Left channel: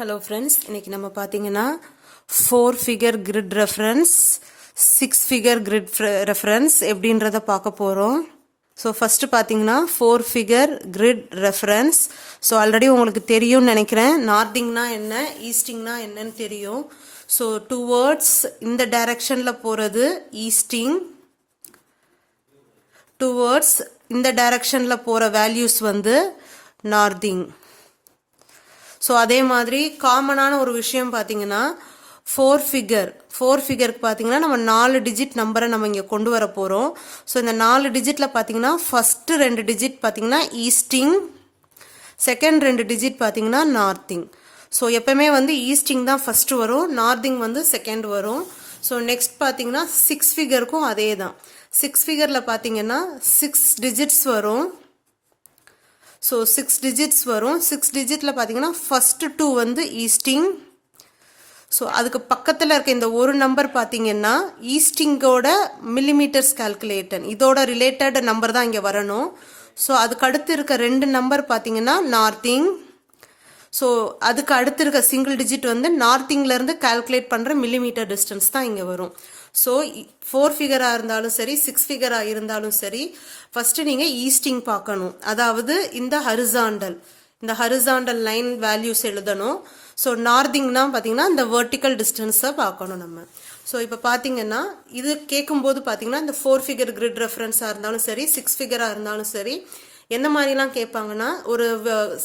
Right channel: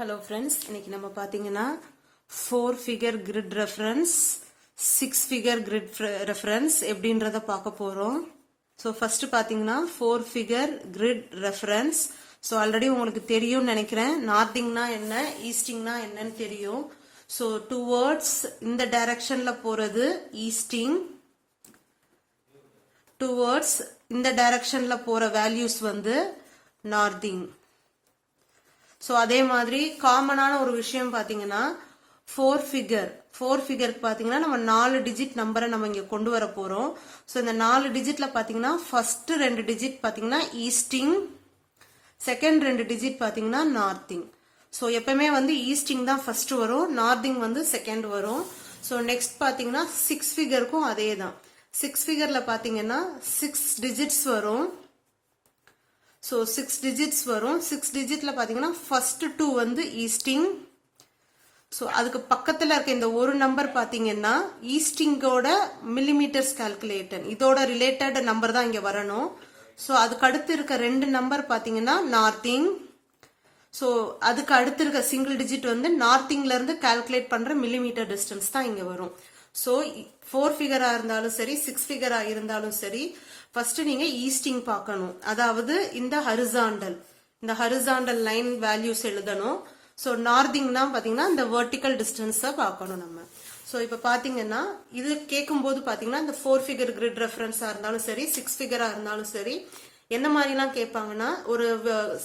Hello friends, இன்னைக்கு நம்ம பார்த்தீங்கன்னா 4 figure grid reference 6 figure grid reference எப்படின்றத பார்க்க போகிறோம். ஸோ ஃபஸ்ட்டு பார்த்தீங்கன்னா 4 figure grid reference. So already உங்களுக்கு தெரியும்னு நினைக்கிறேன். நார்த்திங்னா என்ன, ஈஸ்டிங்னா என்னன்னு தெரியும். ஸோ டுவர்ட்ஸ் இந்த டைரக்ஷனில் போகிறது ஈஸ்டிங், டுவர்ட்ஸ் இந்த டைரக்ஷனில் போகிற வேல்யூஸ் வந்து நார்த்திங். ஸோ அதே மாதிரி காமனான ஒரு விஷயம் பார்த்தீங்கன்னா 4 ஃபிகருக்கு பார்த்தீங்கன்னா நம்ம 4 டிஜிட் நம்பரை நம்ம இங்கே கொண்டு வர போகிறோம். ஸோ இந்த 4 டிஜிட்டில் பார்த்தீங்கன்னா ஃபஸ்ட்டு 2 டிஜிட் பார்த்தீங்கன்னா ஈஸ்டிங், செகண்ட் 2 டிஜிட் பார்த்தீங்கன்னா நார்த்திங். ஸோ எப்பவுமே வந்து ஈஸ்டிங் தான் ஃபஸ்ட்டு வரும், நார்த்திங் வந்து செகண்ட் வரும். ஸோ நெக்ஸ்ட் பார்த்தீங்கன்னா 6 ஃபிகருக்கும் அதே தான். 6 ஃபிகரில் பார்த்தீங்கன்னா 6 டிஜிட்ஸ் வரும். ஸோ 6 டிஜிட்ஸ் வரும். 6 டிஜிட்டில் பார்த்தீங்கன்னா ஃபஸ்ட்டு 2 வந்து ஈஸ்டிங். ஸோ அதுக்கு பக்கத்தில் இருக்க இந்த ஒரு நம்பர் பார்த்தீங்கன்னா ஈஸ்டிங்கோட மில்லிமீட்டர்ஸ் கால்குலேட்டன், இதோட ரிலேட்டட் நம்பர் தான் இங்கே வரணும். ஸோ அதுக்கு அடுத்து இருக்க 2 நம்பர் பார்த்தீங்கன்னா நார்த்திங். ஸோ அதுக்கு அடுத்து இருக்க சிங்கிள் டிஜிட் வந்து நார்த்திங்லேருந்து கால்குலேட் பண்ணுற மில்லிமீட்டர் டிஸ்டன்ஸ் தான் இங்கே வரும். ஸோ 4 ஃபிகராக இருந்தாலும் சரி, 6 ஃபிகராக இருந்தாலும் சரி, ஃபர்ஸ்ட் நீங்கள் ஈஸ்டிங் பார்க்கணும். அதாவது இந்த ஹரிசாண்டல் லைன் வேல்யூஸ் எழுதணும். ஸோ நார்த்திங்னா பார்த்தீங்கன்னா இந்த வெர்டிக்கல் டிஸ்டன்ஸை பார்க்கணும் நம்ம. ஸோ இப்போ பார்த்தீங்கன்னா இது கேட்கும்போது பார்த்தீங்கன்னா இந்த 4 ஃபிகர் கிரிட் ரெஃபரன்ஸாக இருந்தாலும் சரி, 6 ஃபிகராக இருந்தாலும் சரி, என்ன மாதிரிலாம் கேட்பாங்கன்னா ஒரு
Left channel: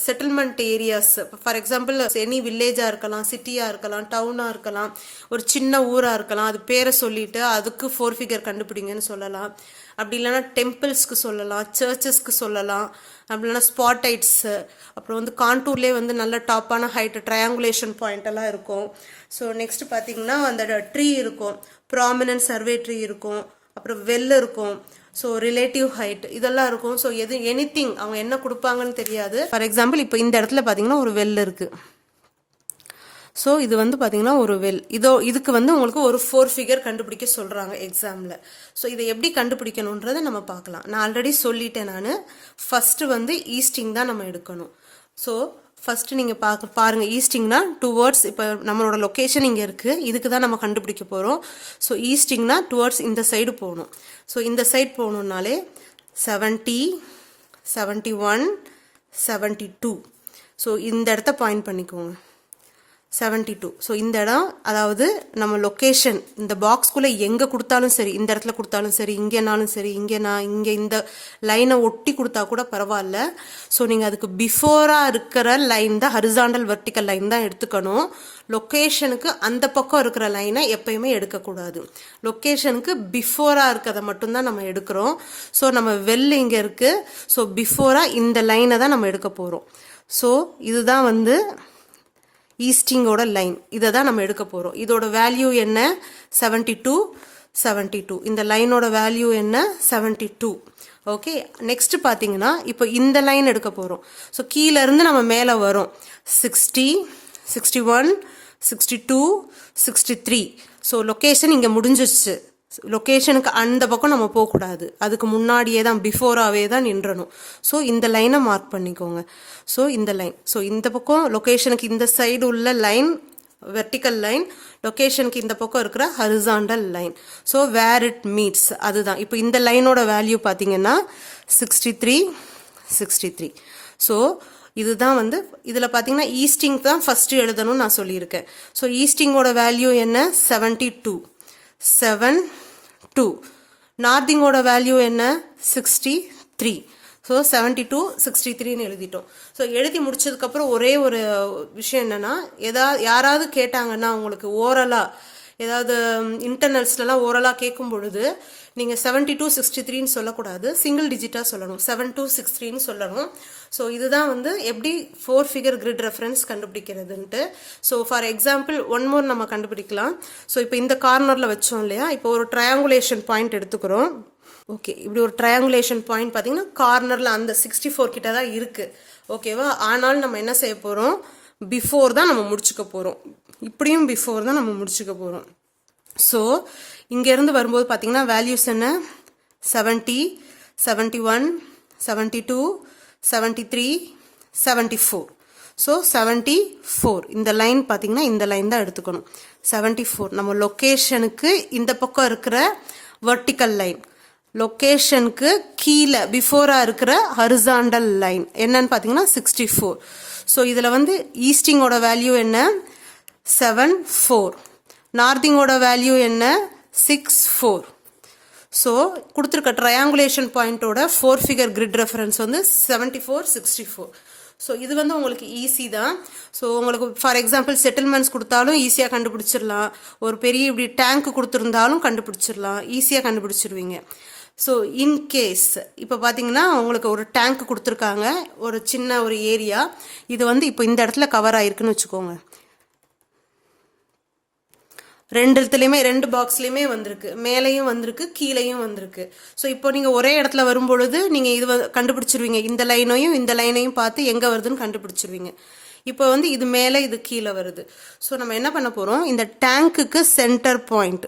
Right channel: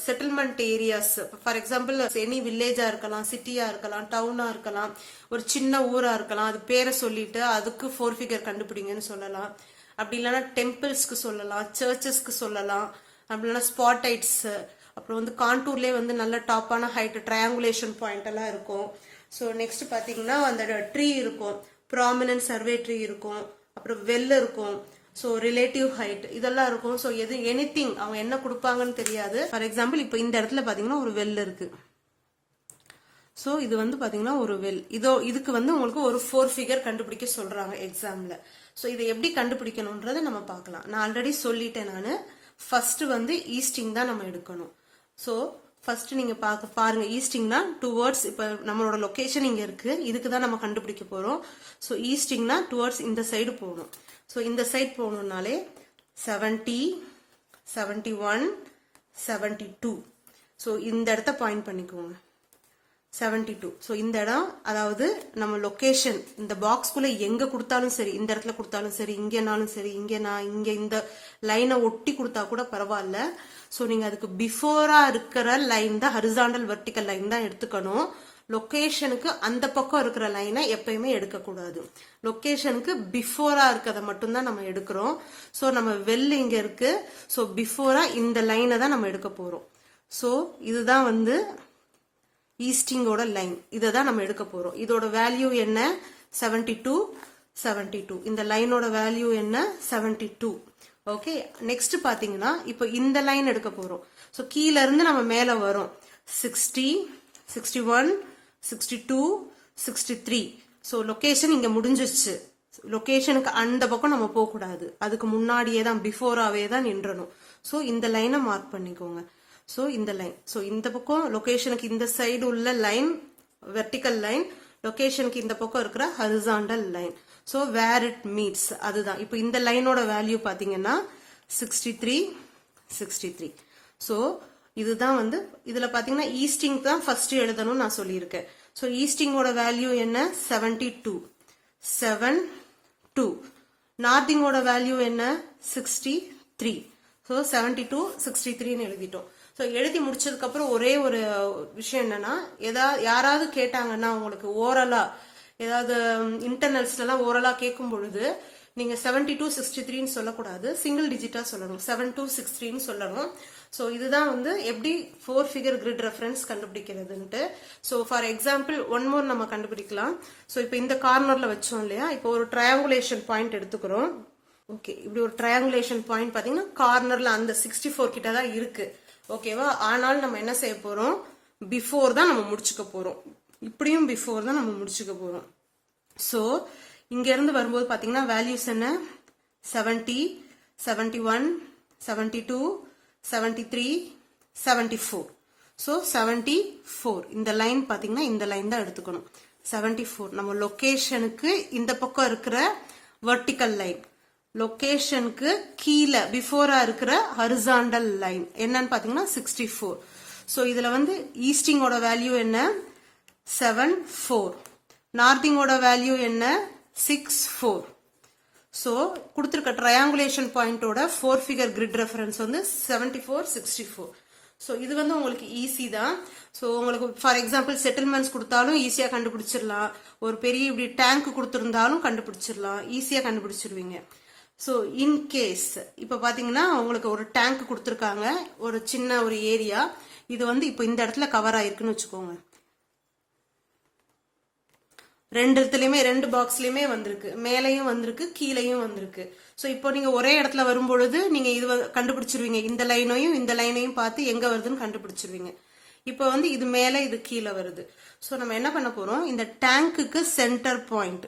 settlement areas, for example any வில்லேஜாக இருக்கலாம், சிட்டியாக இருக்கலாம், டவுனாக இருக்கலாம், ஒரு சின்ன ஊராக இருக்கலாம், அது பேரை சொல்லிட்டு அதுக்கு 4 ஃபிகர் கண்டுபிடிங்கன்னு சொல்லலாம். அப்படி இல்லைன்னா டெம்பிள்ஸ்க்கு சொல்லலாம், சர்ச்சஸ்க்கு சொல்லலாம், அப்படி இல்லைன்னா ஸ்பாட்டைட்ஸு, அப்புறம் வந்து கான்டூர்லேயே வந்து நல்ல டாப்பான ஹைட் ட்ரையாங்குலேஷன் பாயிண்ட் எல்லாம் இருக்கும். ஸோ நெக்ஸ்ட் பார்த்தீங்கன்னா அந்த ட்ரீ இருக்கும், ப்ராமினன்ட் சர்வே ட்ரீ இருக்கும், அப்புறம் வெல் இருக்கும், ஸோ ரிலேட்டிவ் ஹைட் இதெல்லாம் இருக்கும். ஸோ எனிதிங் அவங்க என்ன கொடுப்பாங்கன்னு தெரியாது. ஃபார் எக்ஸாம்பிள் இப்போ இந்த இடத்துல பார்த்தீங்கன்னா ஒரு வெல் இருக்கு. ஸோ இது வந்து பார்த்தீங்கன்னா ஒரு வெல், இதுக்கு வந்து உங்களுக்கு ஒரு 4 ஃபிகர் கண்டுபிடிக்க சொல்றாங்க எக்ஸாம்ல. ஸோ இதை எப்படி கண்டுபிடிக்கணுன்றதை நம்ம பார்க்கலாம். நான் ஆல்ரெடி சொல்லிட்டேன். நான் ஃபர்ஸ்ட் வந்து ஈஸ்டிங் தான் நம்ம எடுக்கணும். ஸோ ஃபர்ஸ்ட் நீங்க பாருங்க, ஈஸ்டிங்னா டுவர்ட்ஸ், இப்போ நம்மளோட லொக்கேஷன் இங்கே இருக்கு, இதுக்கு தான் நம்ம கண்டுபிடிக்க போறோம். ஸோ ஈஸ்டிங்னா டுவர்ட்ஸ் இந்த சைடு போகணும். ஸோ இந்த சைடு போகணும்னாலே 70, 71, 72. ஸோ இந்த இடத்த பாயிண்ட் பண்ணிக்கோங்க, 72. ஸோ இந்த இடம், அதாவது நம்ம லொக்கேஷன் இந்த பாக்ஸ்குள்ளே எங்கே கொடுத்தாலும் சரி, இந்த இடத்துல கொடுத்தாலும் சரி, இங்கேனாலும் சரி, இங்கே இந்த லைனை ஒட்டி கொடுத்தா கூட பரவாயில்ல. ஸோ நீங்கள் அதுக்கு பிஃபோராக இருக்கிற லைன் தான் ஹரிசாண்டல் வெர்டிக்கல் லைன் தான் எடுத்துக்கணும். லொக்கேஷனுக்கு அந்த பக்கம் இருக்கிற லைனை எப்பயுமே எடுக்கக்கூடாது. லொக்கேஷனுக்கு பிஃபோராக இருக்கிறத மட்டும்தான் நம்ம எடுக்கிறோம். ஸோ நம்ம வெல் இங்கே இருக்குது. ஸோ பிஃபோராக இந்த லைனை தான் நம்ம எடுக்க போகிறோம். ஸோ இதுதான் வந்து ஈஸ்டிங்கோட லைன், இதை தான் நம்ம எடுக்க போகிறோம். இதோட வேல்யூ என்ன, 72, 72. இந்த லைனோட வேல்யூ என்ன, 72. ஓகே, நெக்ஸ்ட் பார்த்தீங்கன்னா இப்போ இந்த லைன் எடுக்க போகிறோம். ஸோ கீழே இருந்து நம்ம மேலே வரோம், 60, 61, 62, 63. ஸோ லொக்கேஷன் இங்கே முடிஞ்சிருச்சு. லொக்கேஷனுக்கு அந்த பக்கம் நம்ம போகக்கூடாது, அதுக்கு முன்னாடியே தான் பிஃபோராகவே தான் நின்றணும். ஸோ இந்த லைனை மார்க் பண்ணிக்கோங்க. ஸோ இந்த லைன், ஸோ இந்த பக்கம் லொக்கேஷனுக்கு இந்த சைடு உள்ள லைன் வெர்டிக்கல் லைன், லொக்கேஷனுக்கு இந்த பக்கம் இருக்கிற horizontal line. So where it meets அதுதான். இப்போ இந்த லைனோட வேல்யூ பார்த்தீங்கன்னா 63, 63. ஸோ இதுதான் வந்து இதில் பார்த்தீங்கன்னா ஈஸ்டிங் தான் ஃபர்ஸ்ட் எழுதணும்னு நான் சொல்லியிருக்கேன். ஸோ ஈஸ்டிங்கோட வேல்யூ என்ன, 72, 72. நார்த்திங்கோட வேல்யூ என்ன, 63. ஸோ 72, 63ன்னு எழுதிட்டோம். ஸோ எழுதி முடிச்சதுக்கப்புறம் ஒரே ஒரு விஷயம் என்னன்னா, யாராவது கேட்டாங்கன்னா உங்களுக்கு ஓரலாக, ஏதாவது இன்டர்னல்ஸ்லாம் ஓரலாக கேட்கும் பொழுது நீங்கள் 72, 63ன்னு சொல்லக்கூடாது, சிங்கிள் டிஜிட்டாக சொல்லணும், 7263ன்னு சொல்லணும். ஸோ இதுதான் வந்து எப்படி 4 ஃபிகர் கிரிட் ரெஃபரன்ஸ் கண்டுபிடிக்கிறதுன்ட்டு. So for example one more நம்ம கண்டுபிடிக்கலாம். ஸோ இப்போ இந்த கார்னரில் வச்சோம் இல்லையா, இப்போ ஒரு ட்ரையாங்குலேஷன் பாயிண்ட் எடுத்துக்கிறோம். ஓகே, இப்படி ஒரு ட்ரையாங்குலேஷன் பாயிண்ட் பார்த்தீங்கன்னா கார்னரில் அந்த 64 கிட்ட தான் இருக்கு. ஓகேவா, ஆனாலும் நம்ம என்ன செய்ய போகிறோம், பிஃபோர் தான் நம்ம முடிச்சுக்க போகிறோம். இப்படியும் பிஃபோர் தான் நம்ம முடிச்சுக்க போகிறோம். ஸோ இங்கேருந்து வரும்போது பார்த்தீங்கன்னா வேல்யூஸ் என்ன, 70, 71, 72, 73, 74. ஸோ 74 இந்த லைன் பார்த்தீங்கன்னா இந்த லைன் தான் எடுத்துக்கணும். 74 நம்ம லொக்கேஷனுக்கு இந்த பக்கம் இருக்கிற வெர்டிக்கல் லைன், லொக்கேஷனுக்கு கீழே பிஃபோராக இருக்கிற ஹரிசாண்டல் லைன் என்னன்னு பார்த்தீங்கன்னா 64. ஸோ இதில் வந்து ஈஸ்டிங்கோட வேல்யூ என்ன 74, நார்த்திங்கோட வேல்யூ என்ன 64. ஸோ கொடுத்துருக்க ட்ரையாங்குலேஷன் பாயிண்டோட 4 ஃபிகர் கிரிட் ரெஃபரன்ஸ் வந்து 74, 64. ஸோ இது வந்து உங்களுக்கு ஈஸி தான். ஸோ உங்களுக்கு ஃபார் எக்ஸாம்பிள் செட்டில்மெண்ட்ஸ் கொடுத்தாலும் ஈஸியாக கண்டுபிடிச்சிடலாம். ஒரு பெரிய இப்படி டேங்க் கொடுத்துருந்தாலும் கண்டுபிடிச்சிடலாம், ஈஸியாக கண்டுபிடிச்சிருவீங்க. ஸோ இன்கேஸ் இப்போ பார்த்தீங்கன்னா உங்களுக்கு ஒரு டேங்க் கொடுத்துருக்காங்க, ஒரு சின்ன ஒரு ஏரியா, இது வந்து இப்போ இந்த இடத்துல கவர் ஆயிருக்குன்னு வச்சுக்கோங்க. ரெண்டு பாக்ஸ்லையுமே வந்திருக்கு, மேலேயும் வந்திருக்கு கீழேயும் வந்திருக்கு. ஸோ இப்போ நீங்கள் ஒரே இடத்துல வரும்பொழுது நீங்கள் இது கண்டுபிடிச்சிருவீங்க, இந்த லைனையும் பார்த்து எங்கே வருதுன்னு கண்டுபிடிச்சிருவீங்க. இப்போ வந்து இது மேலே இது கீழே வருது. ஸோ நம்ம என்ன பண்ண போகிறோம், இந்த டேங்க்குக்கு சென்டர் பாயிண்ட்,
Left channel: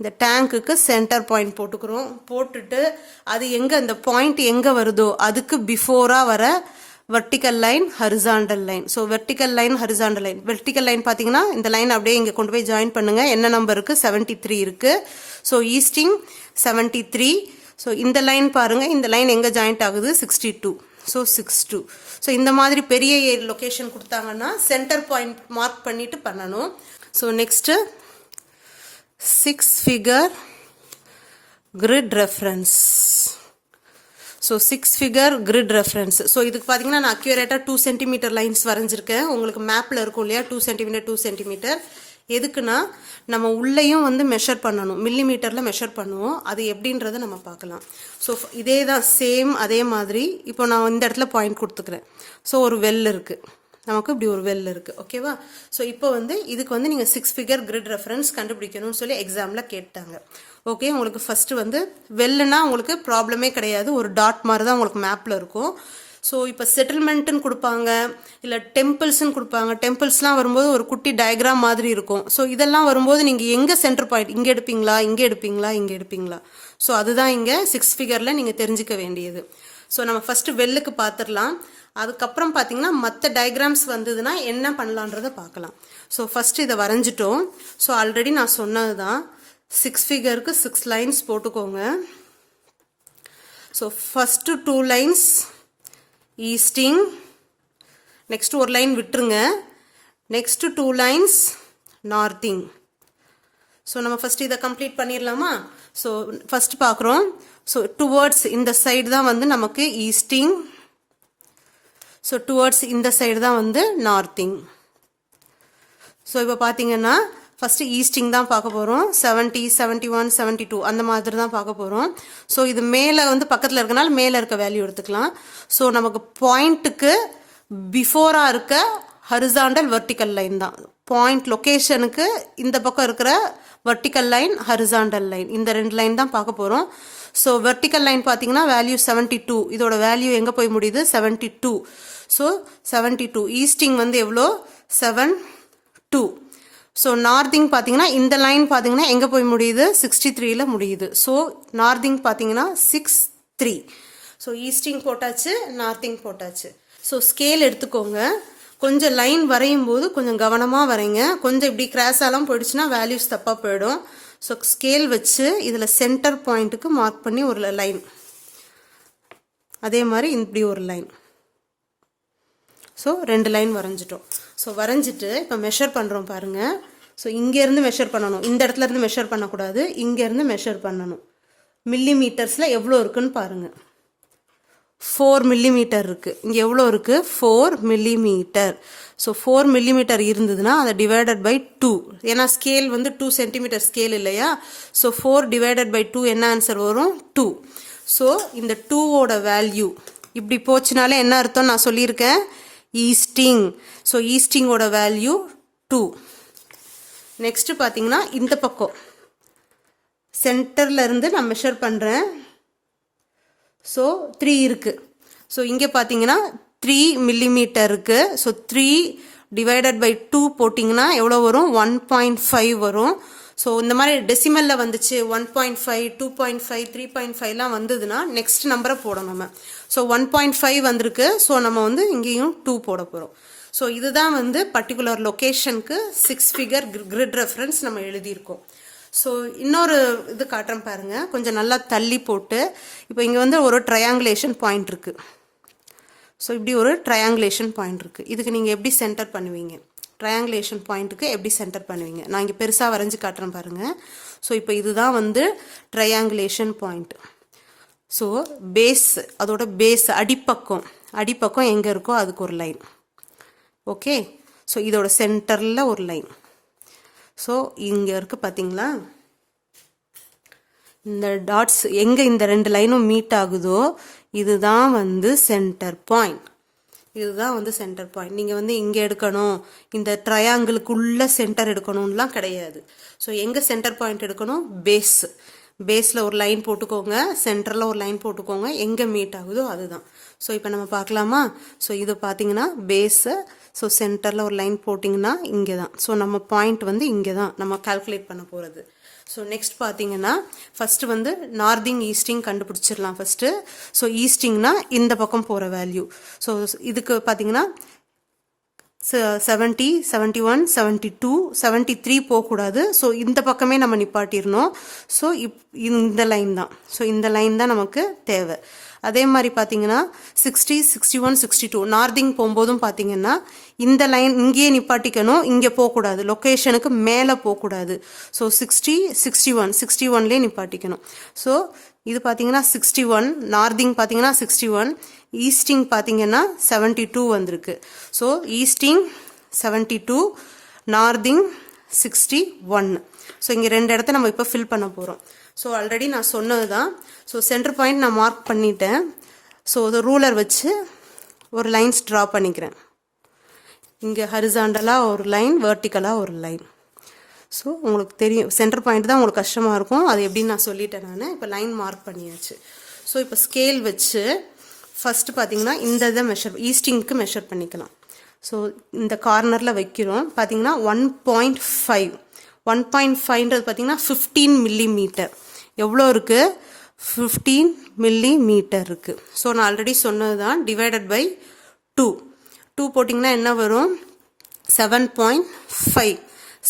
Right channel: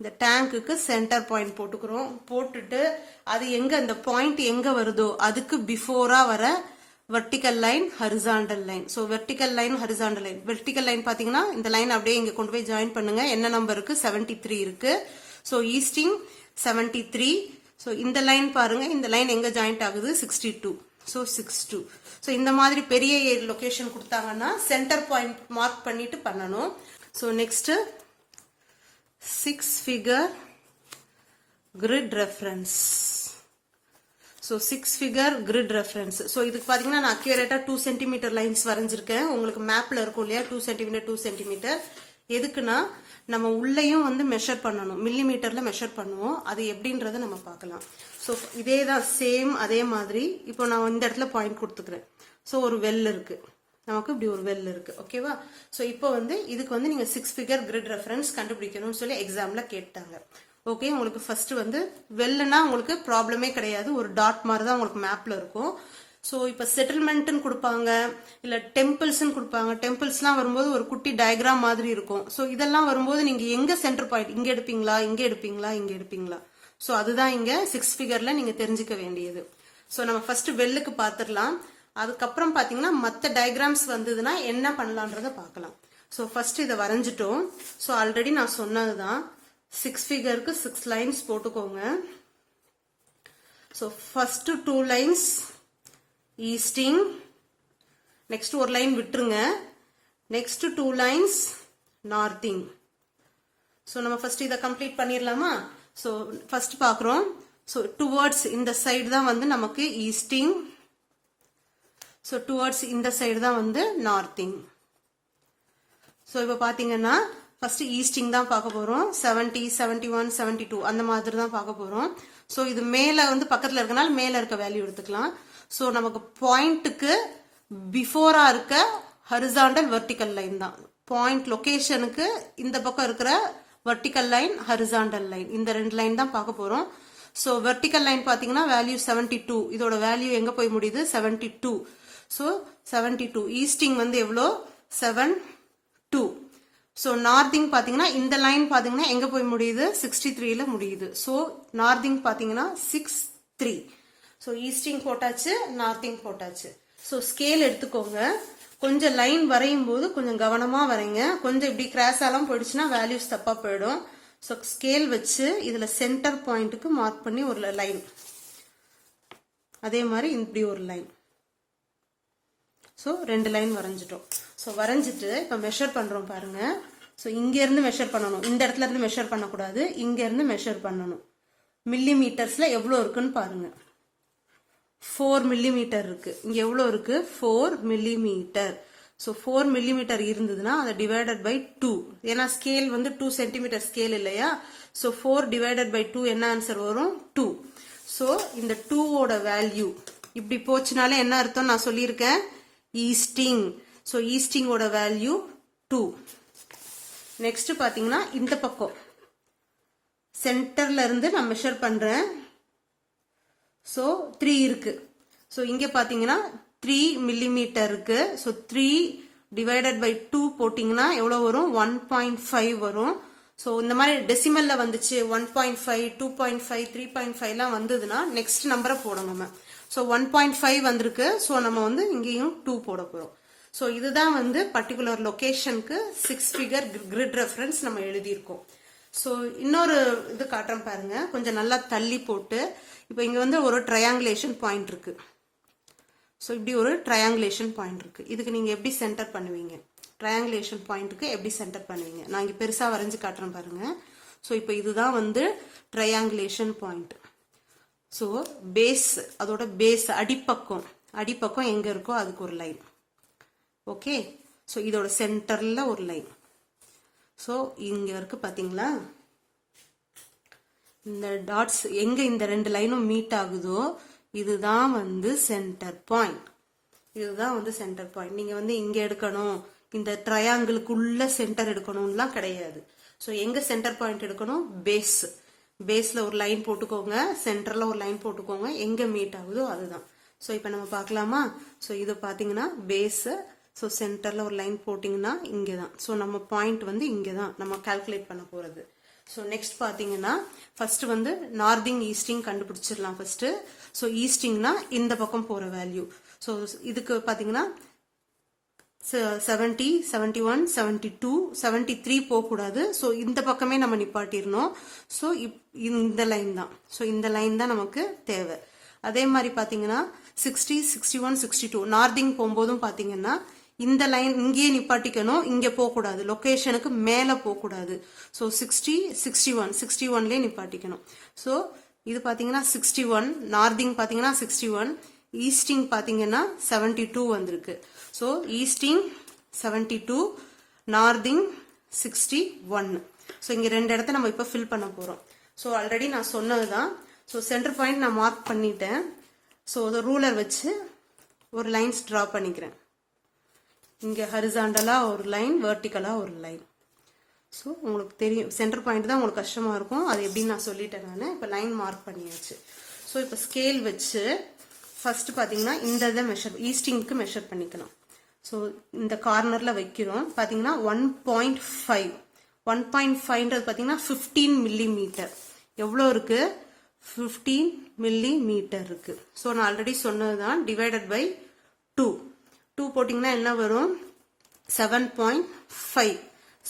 இந்த டேங்க்குக்கு சென்டர் பாயிண்ட் போட்டுக்கிறோம். போட்டுட்டு அது எங்கே, அந்த பாயிண்ட் எங்கே வருதோ அதுக்கு பிஃபோராக வர vertical line horizontal line. So vertical line horizontal line, vertical line பார்த்தீங்கன்னா இந்த லைன் அப்படியே இங்கே கொண்டு போய் ஜாயின் பண்ணுங்க. என்ன நம்பர் இருக்கு 73 இருக்கு. So easting 73. ஸோ இந்த லைன் பாருங்க, இந்த லைன் எங்கே ஜாயிண்ட் ஆகுது 62. ஸோ 62. ஸோ இந்த மாதிரி பெரிய லொகேஷன் கொடுத்தாங்கன்னா சென்டர் பாயிண்ட் மார்க் பண்ணிட்டு பண்ணணும். So next 6 figure grid reference. So 6 figure grid reference. So இதுக்கு பார்த்தீங்கன்னா நான் அக்யூரேட்டாக 2 சென்டிமீட்டர் லைன்ஸ் வரைஞ்சிருக்கேன். உங்களுக்கு மேப்பில் இருக்கும் இல்லையா 2 சென்டிமீட்டர் 2 சென்டிமீட்டர். எதுக்குன்னா நம்ம உள்ளேயும் வந்து மெஷர் பண்ணணும், மில்லிமீட்டரில் மெஷர் பண்ணுவோம். அது எப்படின்றத நம்ம பார்க்கலாம். ஸோ இதே தான் சேம் அதே மாதிரி. இப்போ நான் இந்த இடத்துல பாயிண்ட் கொடுத்துக்கிறேன். ஸோ ஒரு வெல் இருக்குது, நமக்கு இப்படி ஒரு வெல் இருக்குது, ஓகேவா. ஸோ இப்போ வந்து இதுக்கு வந்து நீங்கள் 6 ஃபிகர் கிரிட் ரெஃபரன்ஸ் கண்டுபிடிக்கணும்னு சொல்லி எக்ஸாமில் கேட்டாங்க. ஓகே, உங்களுக்கு ஃபஸ்ட்டு வந்து வெல்லுனா உங்களுக்கு ப்ராப்ளமே கிடையாது, ஒரு டாட் மாதிரி தான் உங்களுக்கு மேப்பில் இருக்கும். ஸோ இப்போ செட்டில்மெண்ட்டுன்னு கொடுப்பாங்க, இல்லை டெம்பிள்ஸ்ன்னு கொடுப்பாங்க. டெம்பிள்ஸ்லாம் வரும்போது ஒரு குட்டி டயக்ராம் மாதிரி இருக்கும். ஸோ இதெல்லாம் வரும்போது நீங்கள் எங்கே சென்டர் பாயிண்ட், இங்கே எடுப்பீங்களா இங்கே எடுப்பீங்களா இங்கே எடுப்பீங்களா. ஸோ அதுதான் இங்கே 6 ஃபிகரில் நீங்கள் தெரிஞ்சுக்க வேண்டியது. ஸோ நம்ம ஃபஸ்ட்டு வெல்லுக்கு பார்த்துடலாம். அதுக்கப்புறம் பார்த்தீங்கன்னா மற்ற டயக்ராம்ஸ் வந்ததுன்னா என்ன பண்ணலான்றதை பார்க்கலாம். ஸோ ஃபஸ்ட்டு இதை வரைஞ்சிட்டோம். ஸோ ஆல்ரெடி நான் சொன்னது தான், 6 ஃபிகருக்கு 6 லைன்ஸ் போட்டுக்கோங்க. So first 2 lines easting, next ஒரு லைன் விட்டுருங்க, நெக்ஸ்ட் 2 லைன்ஸ் நார்த்திங். ஸோ நம்ம ஃபஸ்ட் இதை கம்ப்ளீட் பண்ணிடலாமா. ஸோ ஃபஸ்ட் பார்க்குறோம். ஸோ டுவர்ட்ஸ் இந்த சைடு தான் வந்து நமக்கு ஈஸ்டிங், ஸோ டுவர்ட்ஸ் இந்த சைடு தான் வந்து நார்த்திங். ஸோ இப்போ பார்த்தீங்கன்னா ஃபஸ்ட்டு ஈஸ்டிங் தான் பார்க்க போகிறோம். 70, 71, 72 அந்த மாதிரி தான் பார்க்க போகிறோம். ஸோ இது மேலே வந்து பக்கத்தில் இருக்கனால மேலே இருக்க வேல்யூ எடுத்துக்கலாம். ஸோ நமக்கு பாயிண்ட்டுக்கு பிஃபோராக இருக்க ஹரிசாண்டல் வெர்டிக்கல் லைன் தான். பாயிண்ட் லொக்கேஷனுக்கு இந்த பக்கம் இருக்கிற வெர்டிக்கல் லைன் ஹரிசாண்டல் லைன், இந்த 2 லைன் தான் பார்க்க போகிறோம். ஸோ வெர்டிக்கல் லைன் பார்த்தீங்கன்னா வேல்யூ 72, இதோட வேல்யூ எங்கே போய் முடியுது 72. ஸோ 72 ஈஸ்டிங் வந்து எவ்வளோ 72. ஸோ நார்த்திங் பார்த்தீங்கன்னா இந்த லைன் பார்த்தீங்கன்னா எங்கே போய் முடியுது 63ல முடியுது. ஸோ நார்த்திங் பார்த்தீங்கன்னா 63. ஸோ ஈஸ்டிங் போட்டாச்சு, நார்த்திங் போட்டாச்சு. ஸோ ஸ்கேல் எடுத்துக்கோங்க. கொஞ்சம் லைன் வரையும் போது கொஞ்சம் கவனமாக வரைங்க. கொஞ்சம் இப்படி கிராஸாலாம் போயிடுச்சுன்னா வேல்யூஸ் தப்பாக போயிடும். ஸோ ஸ்கேல் வச்சு இதில் சென்டர் பாயிண்ட்டுக்கு மார்க் பண்ணி ஒரு லைன், அதே மாதிரி இப்படி ஒரு லைன். ஸோ 2 லைன் வரைஞ்சிட்டோம். ஸோ வரைஞ்சிட்டு இப்போ மெஷர் பண்ணுறோம் பாருங்கள். ஸோ இங்கேருந்து மெஷர் பண்ணணும், இந்த இடத்துல இருந்து மெஷர் பண்ணக்கூடாது, இங்கேருந்து மெஷர் பண்ணணும். மில்லிமீட்டர்ஸில் எவ்வளோ இருக்குன்னு பாருங்கள். 4 மில்லிமீட்டர் இருக்குது. இங்கே எவ்வளோ இருக்குது 4 மில்லிமீட்டர். ஸோ 4 மில்லிமீட்டர் இருந்ததுன்னா அதை டிவைடட் பை 2, ஏன்னா ஸ்கேல் வந்து 2 சென்டிமீட்டர் ஸ்கேல் இல்லையா. ஸோ 4 டிவைடட் பை 2 என்ன ஆன்சர் வரும் 2. ஸோ இந்த 2ஓட வேல்யூ இப்படி போச்சுனாலே என்ன அர்த்தம் நான் சொல்லியிருக்கேன் ஈஸ்டிங். ஸோ ஈஸ்டிங்கோட வேல்யூ 2. நெக்ஸ்ட் பார்த்தீங்கன்னா இந்த பக்கம் சென்டர்ல இருந்து நான் மெஷர் பண்ணுறேன். ஸோ 3 இருக்கு. ஸோ இங்கே பார்த்தீங்கன்னா 3 மில்லிமீட்டர் இருக்கு. ஸோ 3 டிவைடட் பை 2 போட்டிங்கன்னா எவ்வளோ வரும் 1.5 வரும். ஸோ இந்த மாதிரி டெசிமலில் வந்துச்சு 1.5 2.5 3.5லாம் வந்ததுன்னா நெக்ஸ்ட் நம்பரை போடணும் நம்ம. ஸோ 1.5 வந்திருக்கு. ஸோ நம்ம வந்து இங்கேயும் 2 போட போகிறோம். ஸோ இதுதான் வந்து பர்டிகுலர் லொக்கேஷனுக்கு 6 ஃபிகர் கிரிட் ரெஃபரன்ஸ் நம்ம எழுதியிருக்கோம். ஸோ இன்னொரு இது காட்டுறேன் பாருங்க, கொஞ்சம் நல்லா தள்ளி போட்டு. இப்போ இங்கே வந்து ஒரு ட்ரையாங்குலேஷன் பாயிண்ட் இருக்கு. ஸோ இப்படி ஒரு ட்ரையாங்குலேஷன் பாயிண்ட் இருக்கு. இதுக்கு நீங்கள் எப்படி சென்டர் பண்ணுவீங்க? ட்ரையாங்குலேஷன் பாயிண்ட்டுக்கு எப்படி சென்டர் பண்ணுவீங்க? நான் இங்கே பெருசாக வரைஞ்சி காட்டுறேன் பாருங்க. ஸோ இப்போ இதுதான் வந்து ட்ரையாங்குலேஷன் பாயிண்ட். ஸோ பேஸ், அதோட பேஸ் அடிப்பக்கம் எங்கே இருக்கோ அதுக்கு ஒரு லைன். ஓகே, ஸோ இதோட சென்டரில் ஒரு லைன். ஸோ இங்கே இருக்குது பார்த்தீங்களா, இந்த டாட்ஸ் எங்கே இந்த 2 லைனும் மீட் ஆகுதோ இதுதான் வந்து சென்டர் பாயிண்ட். இதுதான் வந்து சென்டர் பாயிண்ட். நீங்கள் வந்து இங்கே எடுக்கணும், இந்த ட்ரையாங்கிளுக்குள்ள சென்டர் எடுக்கணும்லாம் கிடையாது. ஸோ எங்கே சென்டர் பாயிண்ட் எடுக்கணும்? பேஸில் ஒரு லைன் போட்டுக்கோங்க, சென்டரில் ஒரு லைன் போட்டுக்கோங்க, எங்கே மீட் ஆகுதோ அதுதான். ஸோ இப்போ நம்ம பார்க்கலாமா? ஸோ இது பார்த்தீங்கன்னா பேஸு. ஸோ சென்டரில் ஒரு லைன் போட்டிங்கன்னா இங்கே தான். ஸோ நம்ம பாயிண்ட் வந்து இங்கே தான் நம்ம கால்குலேட் பண்ண போகிறது. ஸோ நெக்ஸ்ட் பார்த்தீங்கன்னா ஃபஸ்ட்டு வந்து நார்திங் ஈஸ்டிங் கண்டுபிடிச்சிடலாம் ஃபஸ்ட்டு. ஸோ ஈஸ்டிங்னா இந்த பக்கம் போகிற வேல்யூ. ஸோ இதுக்கு பார்த்தீங்கன்னா 70 71 72 73 போகக்கூடாது. ஸோ இந்த பக்கமே நம்ம நிப்பாட்டிடணும். ஸோ இந்த லைன் தான். ஸோ இந்த லைன் தான் நமக்கு தேவை. அதே மாதிரி பார்த்தீங்கன்னா 60 61 62 நார்திங் போகும்போதும் பார்த்தீங்கன்னா இந்த லைன் இங்கேயே நிப்பாட்டிக்கணும், இங்கே போகக்கூடாது, லொக்கேஷனுக்கு மேலே போகக்கூடாது. ஸோ 60 61 61லேயே நிப்பாட்டிக்கணும். ஸோ இது பார்த்தீங்கன்னா 61, நார்திங் பார்த்தீங்கன்னா 61, ஈஸ்டிங் பார்த்தீங்கன்னா 72 வந்திருக்கு. So easting 72, நார்திங் 61. ஸோ இங்கே 2 இடத்த நம்ம இப்போ ஃபில் பண்ண போகிறோம். ஸோ ஆல்ரெடி நான் சொன்னது தான். ஸோ சென்டர் பாயிண்ட் நான் மார்க் பண்ணிட்டேன். ஸோ ஒரு ரூலர் வச்சு ஒரு லைன்ஸ் ட்ரா பண்ணிக்கிறேன். இங்கே ஹரிசாண்டலாக ஒரு லைன், வெர்டிக்கலாக ஒரு லைன். ஸோ உங்களுக்கு தெரியும் சென்டர் பாயிண்ட் தான் உங்களுக்கு கஷ்டமாக இருக்கும், அது எப்படின்னு நான் சொல்லிட்டேன் நான். இப்போ லைன் மார்க் பண்ணியாச்சு. ஸோ இப்போ ஸ்கேல் வச்சு ஃபஸ்ட்டு பார்த்தீங்கன்னா இந்த இதை ஈஸ்டிங்க்கு மெஷர் பண்ணிக்கலாம். ஸோ இந்த கார்னரில் வைக்கிறோம். பார்த்தீங்கன்னா 1.5 1.5ன்றது பார்த்தீங்கன்னா 15 மில்லிமீட்டர். எவ்வளோ இருக்குது? 15 மில்லிமீட்டர் இருக்குது. ஸோ நான் ஆல்ரெடி சொன்னது தான், டிவைடட் பை 2 போட்டிங்கன்னா என்ன வரும்? 7.5.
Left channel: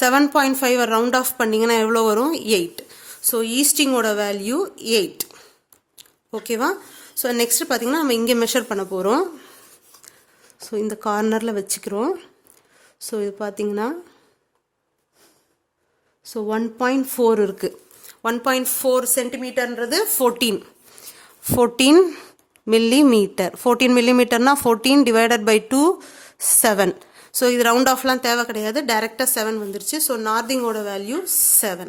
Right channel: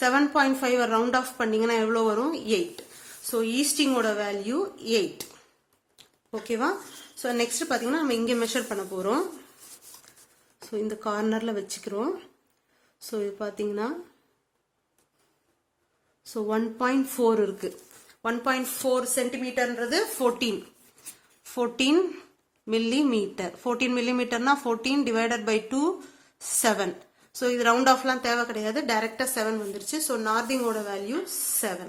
7.5 ரவுண்ட் ஆஃப் பண்ணிங்கன்னா எவ்வளோ வரும்? 8. ஸோ ஈஸ்டிங்கோட வேல்யூ 8. ஓகேவா? ஸோ நெக்ஸ்ட் பார்த்தீங்கன்னா நம்ம இங்கே மெஷர் பண்ண போகிறோம். ஸோ இந்த கார்னரில் வச்சுக்கிறோம். ஸோ இது பார்த்தீங்கன்னா ஸோ 1.4 இருக்குது. 1.4 சென்டிமீட்டர்ன்றது 14 மில்லிமீட்டர். 14 மில்லிமீட்டர்னா 14 டிவைடட் பை 2 7. ஸோ இது ரவுண்ட் ஆஃப்லாம் தேவை கிடையாது, டைரெக்டாக 7 வந்துருச்சு. So நார்திங்கோட value 7.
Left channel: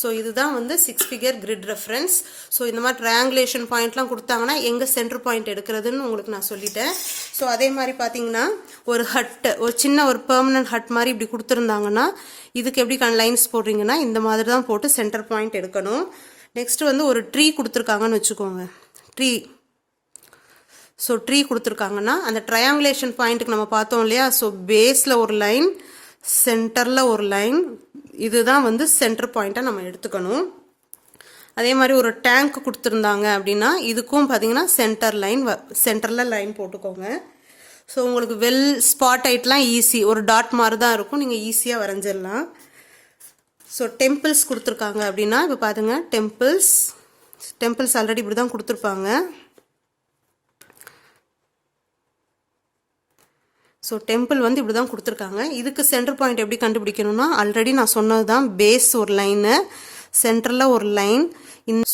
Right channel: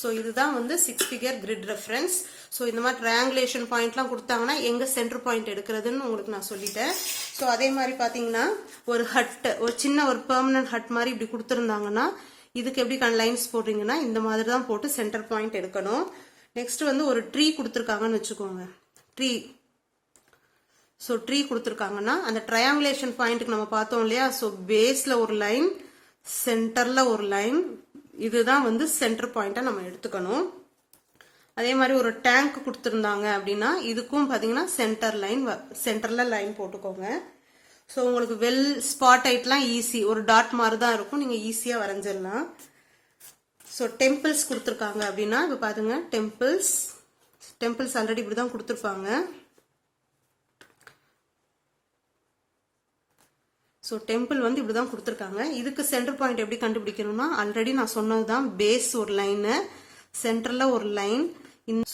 ஸோ இதுதான் வந்து 6 ஃபிகர் கிரிட் ரெஃபரன்ஸ். ஸோ இந்த மாதிரி ட்ரையாங்குலேஷன் பாயிண்ட்லாம் கொடுத்தாங்கன்னா எங்கே சென்டர் பாயிண்ட் எடுக்கிறதுன்னு உங்களுக்கு நான் சொல்லிட்டேன். ஸோ அதே மாதிரி பார்த்தீங்கன்னா ஒரு ஹட்டு, ஒரு சின்ன ஒரு பெர்மனன்ட் ஹட் மாதிரி இப்படி கொடுத்துருந்தாங்கன்னா இதுக்கு எப்படி லைன்ஸ் போடுறீங்கன்னா இந்த மாதிரி தான் போட்டு சென்டர் பாயிண்ட் எடுக்கணும். நெக்ஸ்ட் வந்து ஒரு ட்ரீ கொடுத்துருக்காங்கன்னு வச்சுக்கோங்க. ஸோ ட்ரீ கொடுத்துருக்காங்கன்னா அந்த ட்ரையாங்குலேஷன் பாயிண்ட்டுக்கு நம்ம பார்த்தோம் இல்லையா? ஸோ பேஸில் ஒரு லைன், சென்டரில் ஒரு லைன், இதுதான் வந்து சென்டர் பாயிண்ட்டை நம்ம எடுத்துக்கணும். அதே மாதிரி ஒரு டேங்க் கொடுத்துருந்தாங்க அப்படின்னா இதுக்கும் பார்த்தீங்கன்னா சென்டரில் லைன் போட்டுக்கோங்க. ஸோ உங்களுக்கு வெல் ஸ்பாட் ஆயிட்லாம் ஈஸி, ஒரு டாட் மாதிரி தான் இருக்கும், நீங்கள் ஈஸியாக வரைஞ்சிடலாம். ஸோ டெம்பிள்ஸ் கொடுத்துருக்காங்க அப்படின்னா இப்போ பாருங்க, டெம்பிள்ஸ் ஆல்ரெடி இப்படி தான் கொடுத்துருப்பாங்க. ஸோ டெம்பிள் வந்து இப்படி தான் கொடுத்துருக்காங்க. இதுக்கு சென்டர் பாயிண்ட் எப்படி கண்டுபிடிக்கணும்னா ஆல்ரெடி நான் சொன்னது தான், பேஸ் ஒரு லைனு, சென்டரில் ஒரு லைன்,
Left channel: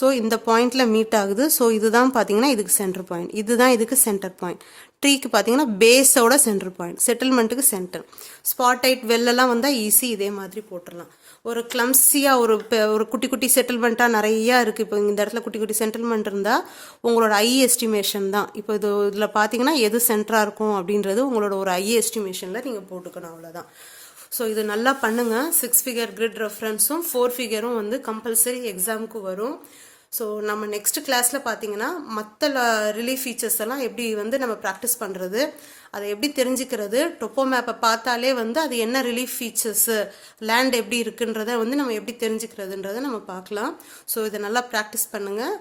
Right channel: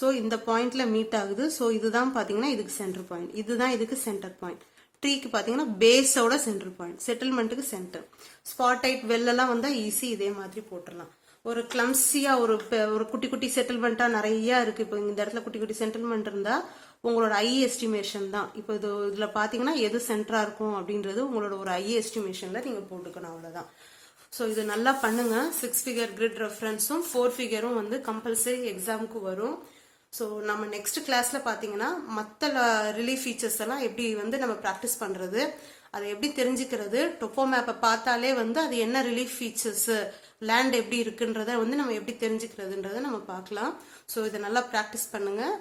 ஸோ இந்த பாயிண்டில் மீட் ஆகுது. ஸோ இதுதான் பார்த்தீங்கன்னா இதுக்கு சென்டர் பாயிண்ட், இதுதான் இதுக்கு சென்டர் பாயிண்ட். ட்ரீக்கு பார்த்தீங்கன்னா பேஸோட சென்டர் பாயிண்ட், செட்டில்மெண்ட்டுக்கு சென்டர். ஸ்பாட்டைட் வெள்ளெல்லாம் வந்தால் ஈஸி, இதே மாதிரி போட்டுடலாம். ஒரு கிளம்ஸியாக ஒரு குட்டி குட்டி செட்டில்மெண்ட்டாக நிறையா இருக்குது. இப்போ இந்த இடத்துல குட்டி குட்டி செட்டில்மெண்ட் இருந்தால் உங்களோட ஐ எஸ்டிமேஷன் தான். இப்போ இதில் பார்த்தீங்கன்னா எது சென்டராக இருக்கும் அப்படின்றது உங்களோட ஒரு ஐ எஸ்டிமேஷனில் நீங்கள் போட்டுக்கணும், அவ்வளோதான். ஸோ இது நல்லா பண்ணுங்கள். 6 ஃபிகர் கிரிட் ரெஃபரன்ஸும் 4 ஃபிகரும் வந்து கம்பல்சரி எக்ஸாமுக்கு வரும். ஸோ நம்ம நெக்ஸ்ட் கிளாஸில் பார்த்தீங்கன்னா மற்ற ரிலீஃப் ஃபீச்சர்ஸ் எல்லாம் எப்படி வந்து நம்ம ப்ராக்டிஸ் பண்ணுறது, அதை எப்படி தெரிஞ்சுக்கிறது, டொப்போ மேப்பை பார்த்தாலே வந்து அது என்ன ரிலீஃப் ஃபீச்சர்ஸு, லேண்ட் எப்படி இருக்குன்றத வந்து நம்ம எப்படி தெரிஞ்சுக்கிறதுன்றதை நம்ம பார்க்கலாம். ஸோ இதை நல்லா ப்ராக்டிஸ் பண்ணுங்கள்.